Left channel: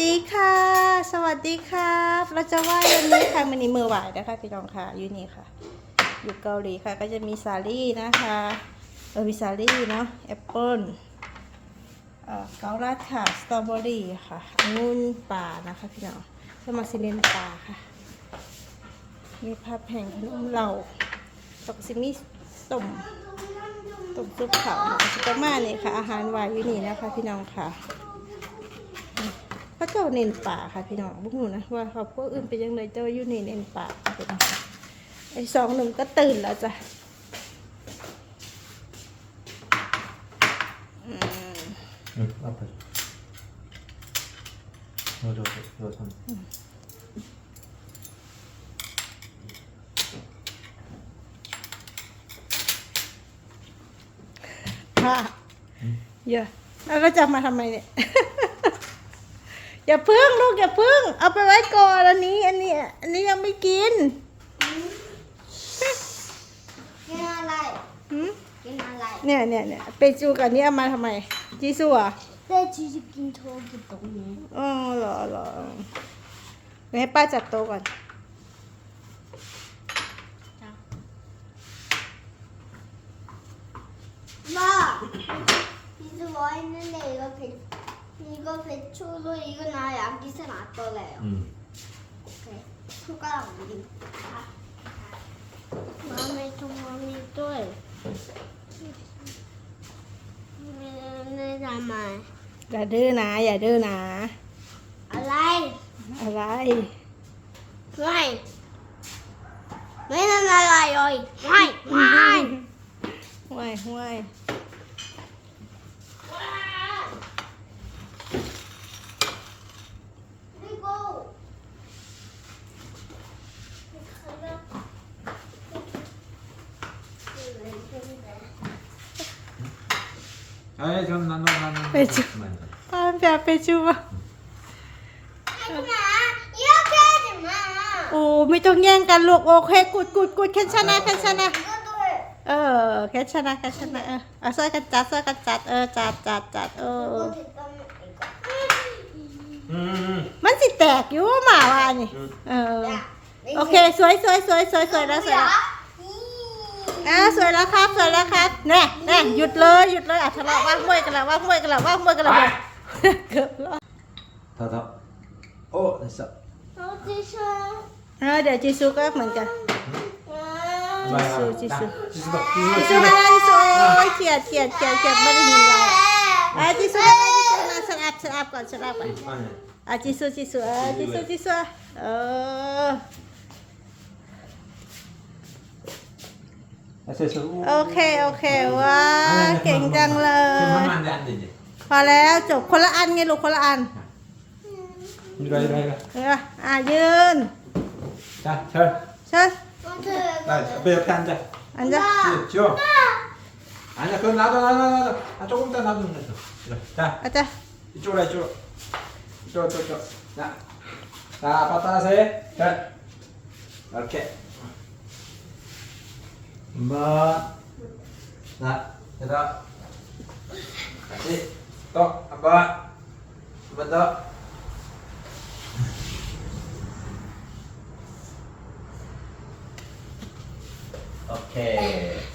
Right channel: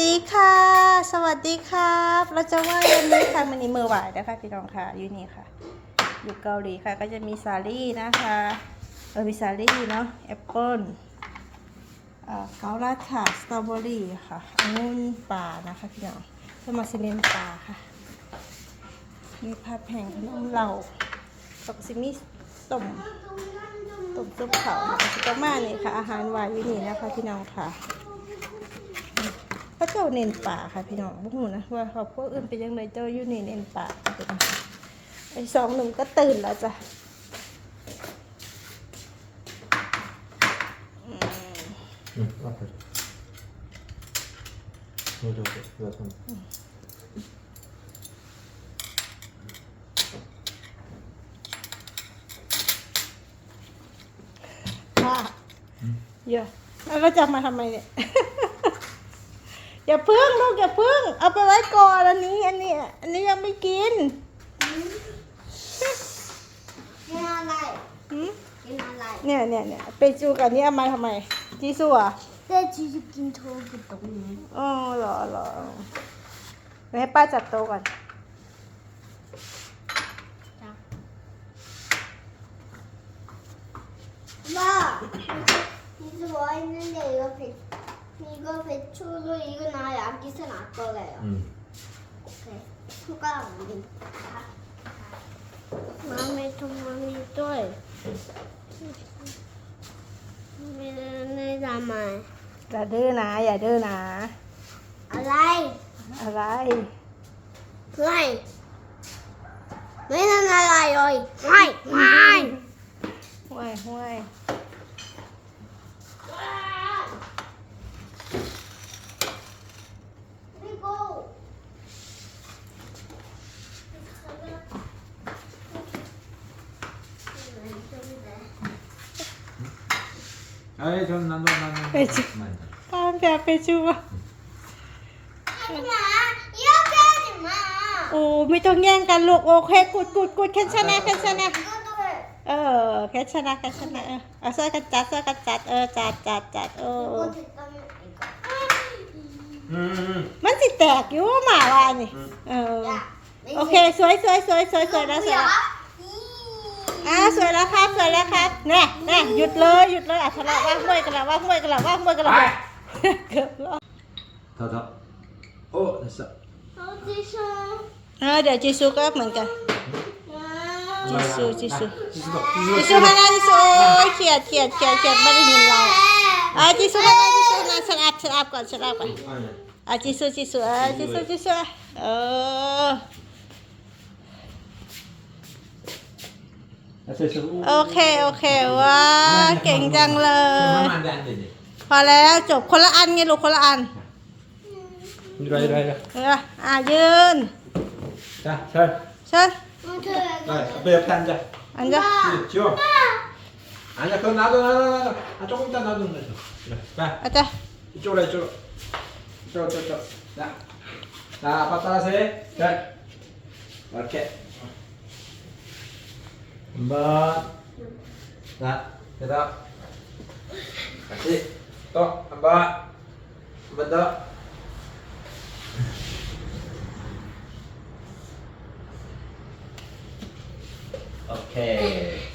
ดีค่ะ สวัสดีครับ เราจะไหว้วันนี้ค่ะมินิมือไหวนะคะพี่น้องค่ะอยู่นี่ค่ะ อยู่เกาหลีค่ะ ก็จะมีสาลี่นะคะเออมีสาลี่เนาะแอปเปิ้ลเอ่อเกาลัดค่ะสตรอเบอรี่ค่ะองุ่นป่านะคะพี่น้องสมาซิเลนป่าค่ะ มีผัดแห่งขนมเหล่าตกซิมีต้มต้มซุปเขาค่ะชิกามาเนี่ยค่ะ อาหารหวานวินี่นะคะพี่น้องค่ะ ก็าเน้นป่าค่ะพี่น้องบุ้งหูนะว่าครอบครัอื่นไปยังไงเจ้าอยู่นี่เน้นป่าไอ้สองหนุ่มก็ตื่นแล้วจ้ะนึกอัพเลยดูดูดูทำค่ะเยอะแล้วก็จะมาทำไมเนี่ย อย่าพึ่งลูกอย่าพึ่ง เอาไปไว้ก่อนอันนี้ อันนี้อันนี้ยังไม่กินกินอะไรกินอะไรเนี่ยเนี่ยเนี่ยเปจูกับนี้เอามาทำไมจีซัวเปจีจะกินโทกินตรงนี้อ๋อเหรอเหรอให้ป้าจัดโต๊ะก่อนมาจีสัวนั่นเ妈，你是我เป็ด？ 기서 놨더래요 응. 오케이 손가락 우리 마음에 좀 마음에 또 내 담아 อย่าดื้อนะ อย่าดื้อนะ อะไร อะไร ไม่ไม่นั่นอะไรเลยไม่ไม่ ห่วยห่วย 아이, 좀 나눠, 나눠. 그렇죠. 그만. ตามแบบไปจูอะ 하지마 이렇게 하지마 โอ้ไม่ต้องแย่งกันลูกโอเคกุดกุดกุดแค่ชนะแค่ชนะ 이것도 เออแค่ชนะแค่ชนะเออเอาช่วยกันจัดช่วยกันจัดเออจัดจัดจัดเออ 이거 됐다면 이거 응, 응. มันสิแตกอยู่หมาว่านี่เออ 야 โอเคสวยสวยสวยสวยสวยแล้วสวยแล้ว อ่าสวยแล้วครับสวยแล้วครับเน่เน่หยุดเลยหยุดเลยอะทะเลาะว่าห้วยกันแล้วว่าห้วยกันแล้วว่าห้วยกันแล้วเกือบรอดท่าท่าโอ้เสักเอ่อเดี๋ยวจีซูก็เหมือนกันจีซูจีซูจีซูฮานาจีซูโอ้ยเขียดเขียดเขียดเขียดไม่ได้ยินเราอะจีซูฮาแล้วจีซูนะสลับสลับก่อนสลับก่อนอะจีซูจีซูอะจีซูจีซูเออ โอเค โอเคว้าเก่งจังเลย พอแล้วจบคนละอันไงลูกคนละอันเอออะยืน Đây, thôi. เชิญ Đây, bây giờ khen kìa. อันจะ Nhìn chưa? Anh là cơn lá rồi, lá rồi, lá rồi. Anh cho cũng ta lá rồi. Đây, đây. อาจจะ Chỗ này, chỗ này. Chỗ, chỗ, chỗ. Dạ. À, bắt ta thế. Đây. Ok. Mbak. Nak, kita, ya tak? Tok, Mbak. Mbak Okay.